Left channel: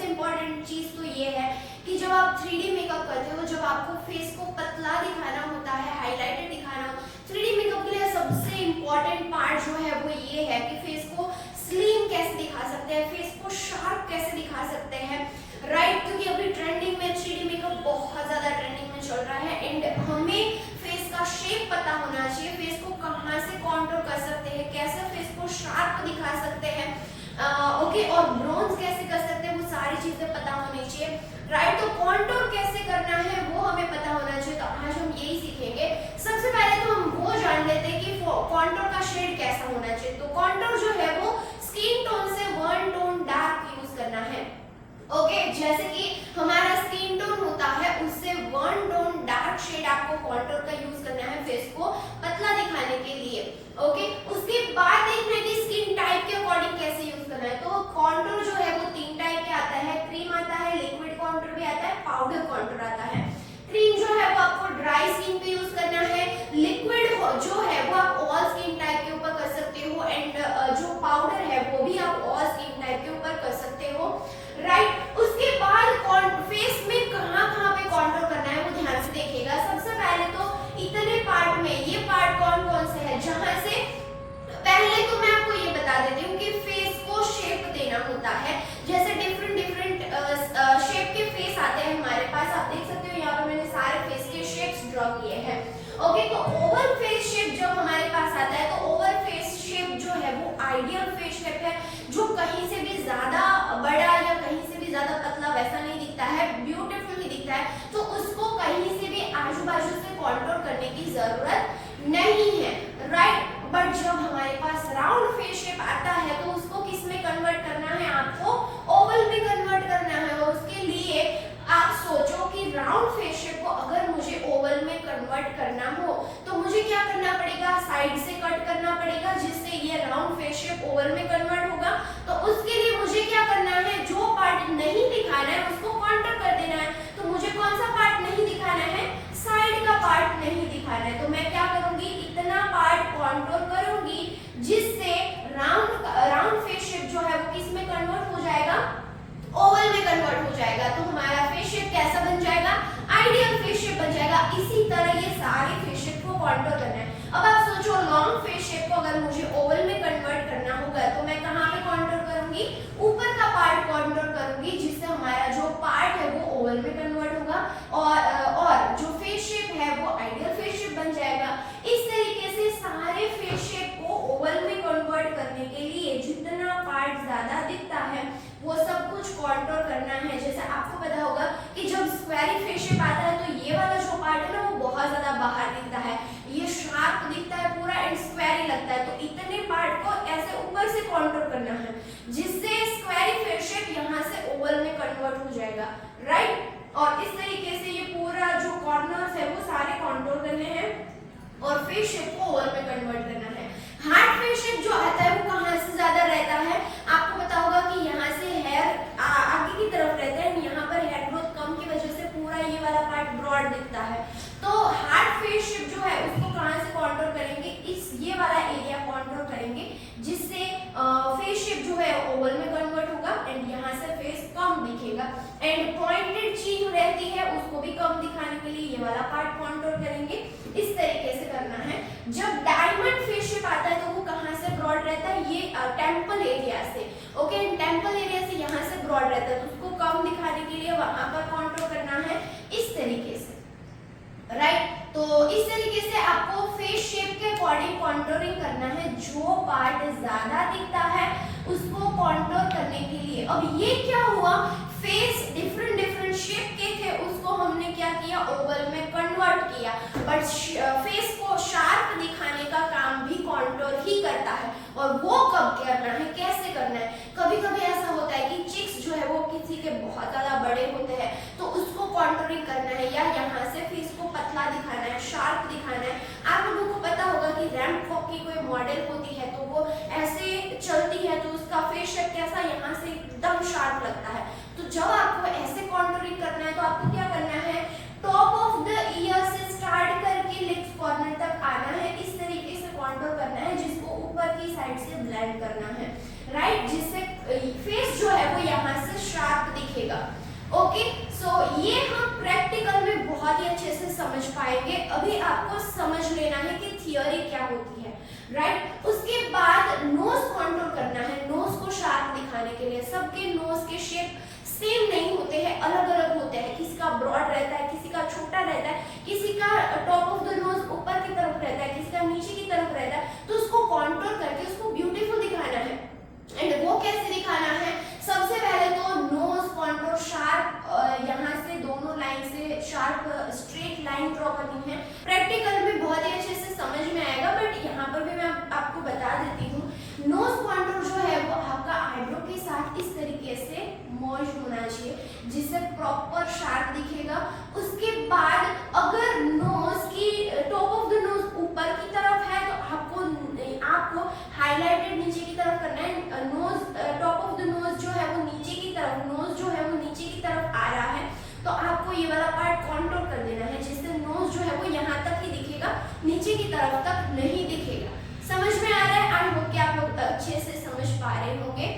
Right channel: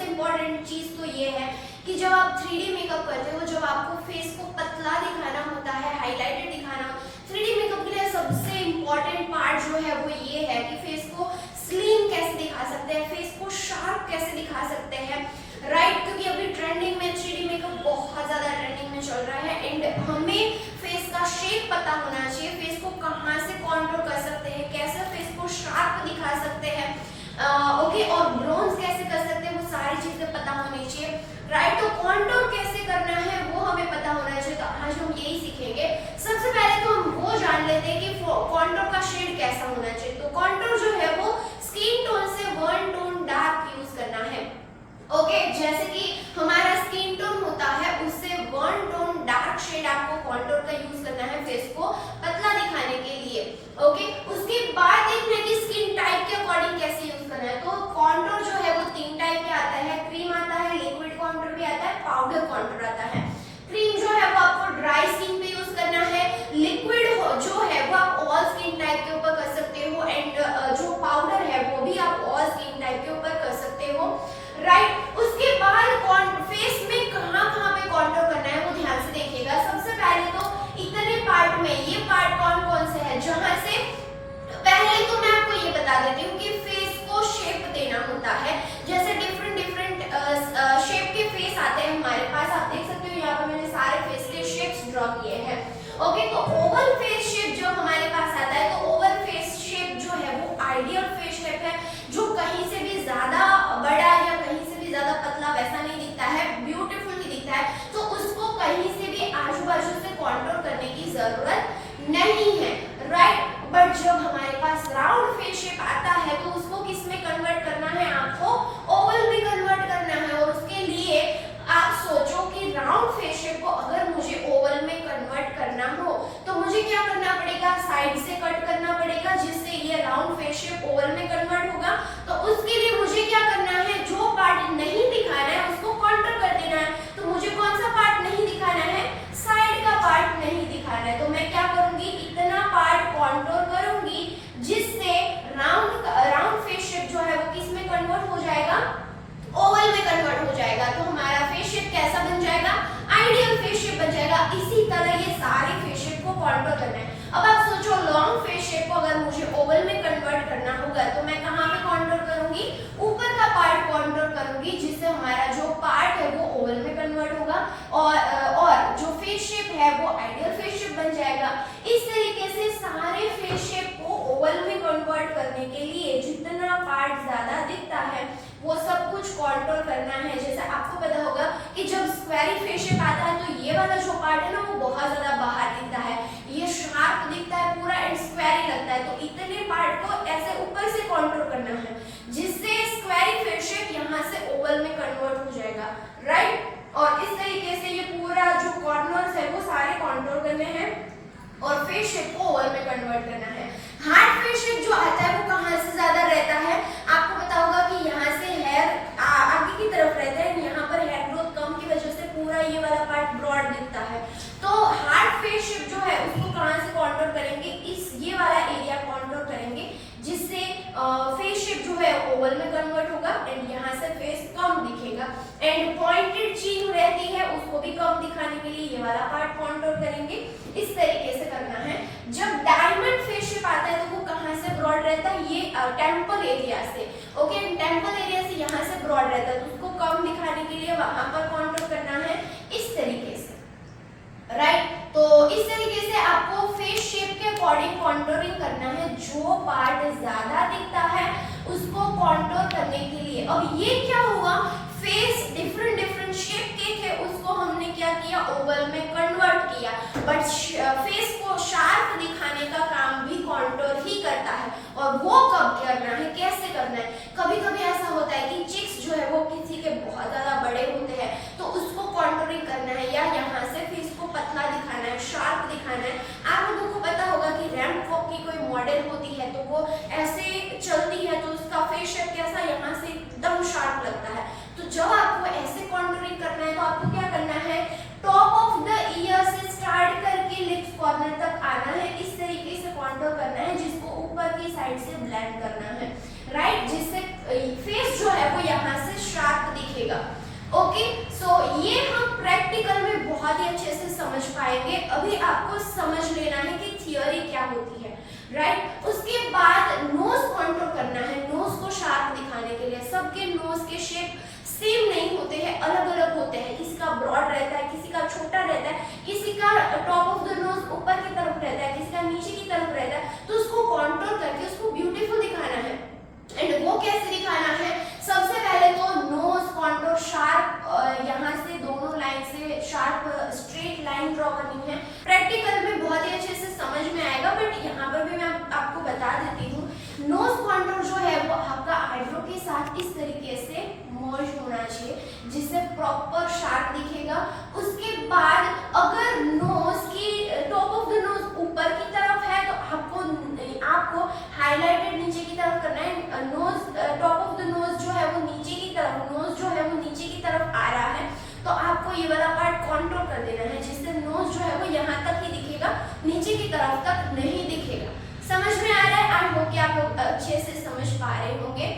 सबसे इम्पोर्टेंट चीज तो ये है कि जब आप 3D मेकअप करते हो, जब आपको फेस को पतला दिखाना होता है, हाईलाइटेड दिखाना हो, 3D मेकअप के लिए सबसे इम्पोर्टेंट पार्ट जो है वो ये है कि फेस को स्लिम कैसे दिखा सकते हैं, फेस को शार्प कैसे दिखा सकते हैं, राइट। क्योंकि अभी ट्रेंडिंग में 3D मेकअप बहुत ज्यादा ट्रेंडिंग में चल रहा है एंड हमें फेस का शेप पता होना चाहिए, फेस को कहाँ से कॉन्टूर कर सकते हैं, कैसे फेस को शार्प दिखा सकते हैं, ओके, और ब्रोन्स कैसे कर सकते हैं, वो सारी चीजें पता होनी चाहिए, राइट। तो कॉन्टूर कैसे करना है वो हमें पता होना चाहिए। तो आज हम यही सीखेंगे। सबसे पहले तो हम वो जान लेते हैं कि कॉन्टूर का शेड कैसा होना चाहिए। तो कॉन्टूर जो है वो स्किन टोन से 1 टोन डार्क यूज करना है, ओके। जैसे कि हमारा स्किन टोन होता है उससे 1 टोन डार्क शेड आपको कॉन्टूर का यूज करना है फेस को पतला दिखाने के लिए, ओके। उसके बाद देखना है कि स्किन टाइप के अकॉर्डिंग कैसे यूज करना है। तो कॉन्टूर जो है वो 3 टाइप के आता है, क्रीम आता है, लिक्विड कॉन्टूर भी आता है, पाउडर कॉन्टूर आता है। क्रीम जो है वो आपको ड्राई स्किन पे यूज करना है, लिक्विड जो है वो आप ऑल स्किन टाइप के ऊपर कर सकते हो एंड जो पाउडर है वो भी आप ऑल स्किन टाइप के ऊपर कर सकते हो, राइट। उसके बाद फेस में कहाँ पे कॉन्टूर करना है वो ध्यान से देखिएगा। सबसे पहले तो इतने पार्ट में ये पार्ट कौन कौन से है, जहां से पहले तो मैं आपको ये बता देती हूँ कि फेस को शेप देना होता है। जैसे डिफरेंट शेप के फेस आते हैं हमारे पास, आप देख सकते हो यहाँ पर मैंने सारे फेस के शेप्स ड्रॉ किए हैं, ओके। तो ओवल फेस शेप जब हमारे पास आता है तो ओवल फेस शेप जो है वो आइडियल फेस शेप है, जो कहीं से भी ज्यादा बड़ा या कहीं से भी ज्यादा पतला वैसा नहीं दिखता है, ब्यूटीफुल ही दिखता है। तो उसको कहीं से भी आजू बाजू से कॉन्टूर करने की जरूरत नहीं है, राइट। बट जब हमारे पास राउंड फेस शेप आता है तो उसको किस में कन्वर्ट करना है, आपको ओवल में कन्वर्ट करना है। और उसके लिए आप सोचो कि राउंड फेस शेप को अगर मुझे ओवल में कन्वर्ट करना हो तो मुझे क्या करना पड़ेगा, साइड से कट करना पड़ेगा जिससे ये राउंड फेस शेप ओवल में कन्वर्ट होगा। तो उसके लिए मुझे क्या करना है, जो पार्ट नहीं दिखाना है उसको कॉन्टूर कर देना है। तो मुझे कौन सा पार्ट नहीं दिखाना है, साइड का पार्ट नहीं दिखाना है। तो मैं क्या करूंगी, इतना पार्ट कॉन्टूर करूंगी जिससे राउंड फेस शेप जो है वो किस में कन्वर्ट हो जाएगा, ओवल में कन्वर्ट हो जाएगा। तो हमारा फेस शेप कैसा बन जाएगा, आइडियल फेस शेप बन जाएगा। इसी तरह ये सारे फेस शेप को कॉन्टूर करना है। अब आप सोचो लॉन्ग फेस शेप को अगर मुझे ओवल में कन्वर्ट करना होगा तो मैं कहाँ पे कॉन्टूर करूंगी, ऊपर का पार्ट कॉन्टूर करूंगी जिससे हमारा जो पार्ट है वो ओवल में कन्वर्ट होगा और जो फेस शेप है वो आइडियल फेस शेप बन जाएगा। इस तरीके से सारे फेस शेप को ओवल में कन्वर्ट करने के लिए जितना पार्ट ज्यादा दिखता है वो सब कुछ कॉन्टूर करना है। जैसे आपको पता होगा कि जब स्क्वेरी फेस शेप आता है तो ये वाला जो पार्ट है ना वो बहुत ज्यादा बाहर दिखता है, ये शार्प दिखता है पूरा एंड स्क्वेरी लगता है। तो इतने पार्ट को ऐसे ऊपर से कॉन्टूर करना है जिससे स्क्वेरी फेस शेप यहाँ से ओवल में कन्वर्ट हो जाएगा, राइट। और इस तरीके से ये पूरा जो कॉर्नर्स है वो सारे कॉन्टूर करने हैं और फेस शेप को ओवल में कन्वर्ट करना है। हार्ड फेस शेप जो आता है वो कहाँ से ज्यादा रहता है, आपको पता होगा कि यहाँ से हेयर आगे की तरफ रहता है, यहाँ पर हेयर ग्रोथ कम की वजह से पूरा ये वाला पार्ट ब्रॉड दिखता है। तो हार्ड फेस शेप जो है उसको कहाँ से कॉन्टूर करेंगे, इस ये वाला एरिया कॉन्टूर करेंगे जिससे फेस शेप जो है ओवल में कन्वर्ट होगा एंड यहाँ से फेस कम दिखेगा एंड पॉइंटेड चीन रहती है उसको भी कम दिखाने के लिए ये वाला पार्ट कॉन्टूर करेंगे। इस तरीके से करना है। जब डायमंड फेस शेप आता है तो वो कहाँ से ब्रॉड रहता है, ये टेम्पल एरिया से, ओके। टेम्पल एरिया से यहाँ से ब्रॉड रहता है तो उसको कम दिखाने के लिए वहां पर कॉन्टूर करना है इस तरीके से, राइट। तो इस तरीके से आपको फेस शेप के अकॉर्डिंग कॉन्टूरिंग करना है। जो पार्ट ज्यादा दिखता है उसको कॉन्टूर करने के लिए। अब ये क्या हुआ, फेस डिफरेंट शेप के थे उसको हमने क्या किया, ओवल में कन्वर्ट किया। बट फेस को शार्प दिखाने का काम भी कॉन्टूर ही करता है। और वो कब करना है, कैसे करना है, कभी कभी ऐसा होता है कि चिक्स जो है वो किसी के बहुत ज्यादा बड़े होते हैं तो उसको कॉन्टूरिंग करना है या यहाँ से फेस को पतला दिखाना है, शार्प दिखाना है। आप लोगों को पता होगा कि रैंप वॉक की कोई मॉडल होती है तो वो ऐसे चलती है तो उसका फेस शेप कैसा यहाँ से एकदम शार्प लगता है। तो जब आपको ऐसे कॉन्टूरिंग करना है तो आपको क्या करना है, टॉप ऑफ द ईयर से स्टार्ट करके लिप्स कॉर्नर तक आना है। इस तरीके से कॉन्टूर करना है जिसको ऊपर की साइड से ब्लेंड करना है, राइट, जिससे फेस जो है वो यहाँ से शार्प दिखे। बहुत ही अच्छे से समझ पाएंगे। अभी आपको समझ लेना है कि थियोरी क्या होती है, राइट। उसके बाद नोज कॉन्टूर करना है, नोज को शार्प दिखाने के लिए। सबके नोज के शेप सेम नहीं होते हैं, अलग अलग होते हैं। किसी का ब्रॉड रहता है, किसी का छोटा रहता है, किसी का टॉप ऑफ द नोज ऊपर की तरफ रहता है, किसी का नीचे की तरफ रहता है। तो उसको कॉन्टूर करके उसको ब्यूटीफुल दिखाना है। एंड वो कैसे दिखाना है? सबसे पहले तो नोज कॉन्टूर शार्प, यहाँ से दोनों लाइन से शार्प स्ट्रेट लाइन ड्रॉ करनी है। प्रैक्टिकल में बहुत ही अच्छे से समझ में आएगा, बट यहाँ पर भी मैं आपको बता देती हूँ। नोज कॉन्टूर जो है वो आपका आईब्रो के साथ इस तरीके से मर्ज होना चाहिए, जिससे प्रॉपर शार्प दिखेगा। उसके बाद अगर नोज की टॉप ऑफ द नोज ऊपर की तरफ है तो आपको हाईलाइटेड नीचे की तरफ करना है। Nose top of the nose जो है वो नीचे की तरफ, नोज जो है वो नीचे की तरफ आ रहा है, तो आपको ये वाला पार्ट कॉन्टूर कर देना है, जिससे नोज जो है वो यहाँ तक ही दिखेगा, नीचे की तरफ तक नहीं दिखेगा। समझ में आ रहा है? आई होप कि आप लोग अच्छे से समझ पा रहे होंगे।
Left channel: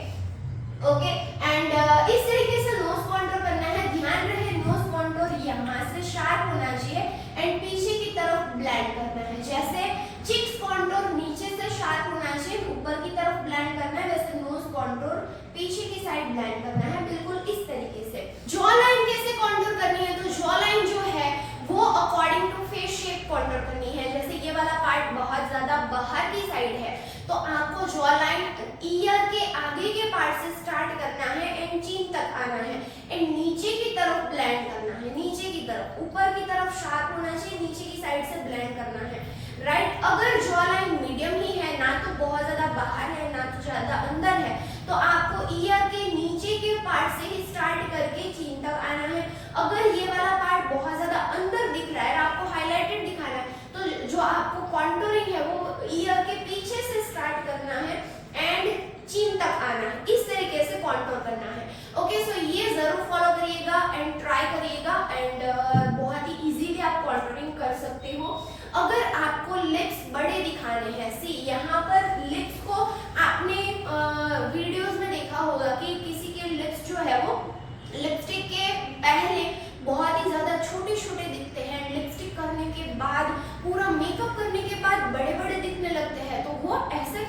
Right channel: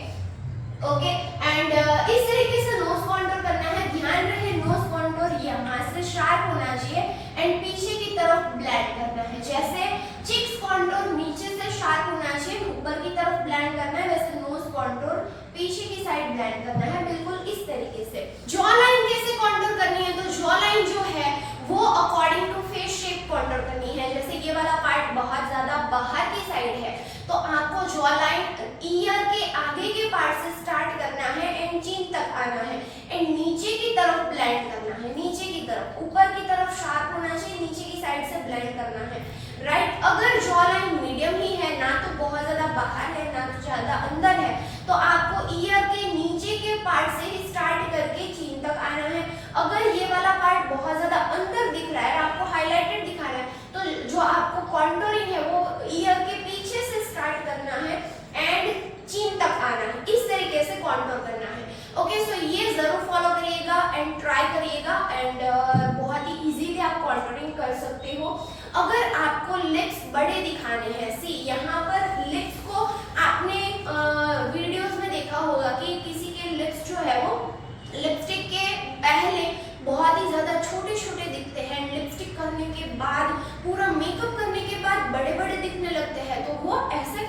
ओके, एंड इस तरीके से नोज कॉन्टूर करना है। ध्यान रहे नोज कॉन्टूर यहाँ से शार्प होना चाहिए एंड पीछे की तरफ ब्लेंड करना है। जैसे चिक्स कॉन्टूर नीचे से शार्प होना चाहिए, ऊपर की तरफ ब्लेंड करना है, वैसे नोज कॉन्टूर पीछे की साइड ब्लेंड करना है, बिल्कुल इस तरीके से। जॉ लाइन कैसे कॉन्टूर करनी है? तो जॉ लाइन जो है वो according to face shape contour करनी है। जैसे ये वाला पार्ट बहुत ज्यादा बाहर की साइड है, तो आपको जॉ लाइन ईयर के आगे के पार्ट से स्टार्ट करना है एंड चीन तक आना है एंड नीचे की तरफ ब्लेंड करना है, नीचे की तरफ। ऊपर की तरफ शार्प होना चाहिए, नीचे की साइड से ब्लेंड करना है, राइट। अगर जॉ लाइन मीडियम ही है, ना तो बहुत ज्यादा बाहर है ना तो ज्यादा अंदर है, तो आपको ईयर के नीचे के पार्ट से ही स्टार्ट करके चीन तक आना है। अगर ये वाला पार्ट बहुत ज्यादा अंदर दिख रहा है, आपको हाईलाइटेड दिखाना है, तो जो आपको कॉन्टूरिंग है वो ईयर के पीछे से स्टार्ट करना है एंड चीन तक आना है। इस तरीके से कॉन्टूर करना है। ओके, सो ये जरूर फॉलो करिएगा एंड ट्राई करिएगा एंड बहुत ही इजीली आप कॉन्टूरिंग कर सकते हो। अगर आपको लिप्स बड़े दिखाने हैं, सी यहाँ पर लिप्स को आपने वीडियोस में देखा होगा कि किसी के लिप्स जो है वो लिपस्टिक के पहले बहुत ही ज्यादा छोटे छोटे दिखते हैं, लिपस्टिक करने के बाद, पूरा मेकअप करने के बाद बड़े बड़े दिखने लगते हैं। तो वो ऐसा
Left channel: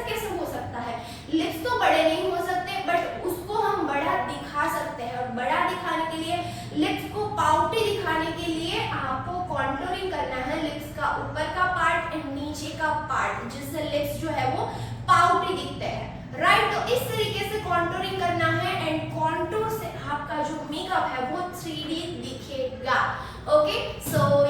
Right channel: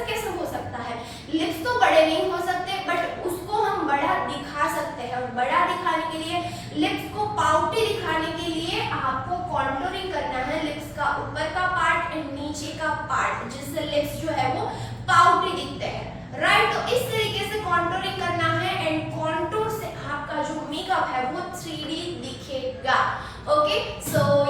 कैसे हो सकता है? लिप्स तो बड़े नहीं हो सकते, बट उसको हम बड़ा दिखा सकते हैं। और बड़ा दिखाने के लिए, लिप्स को पाउटी दिखाने के लिए आपको कॉन्टूरिंग करना है लिप्स का ऊपर का पार्ट एंड नीचे का पार्ट, जिससे लिप्स जो है वो पाउटी दिखते हैं, राइट। तो इस तरीके से कॉन्टूरिंग करना है एंड कॉन्टूर से आपका जो मेकअप है वो 3D दिखेगा। ओके, सो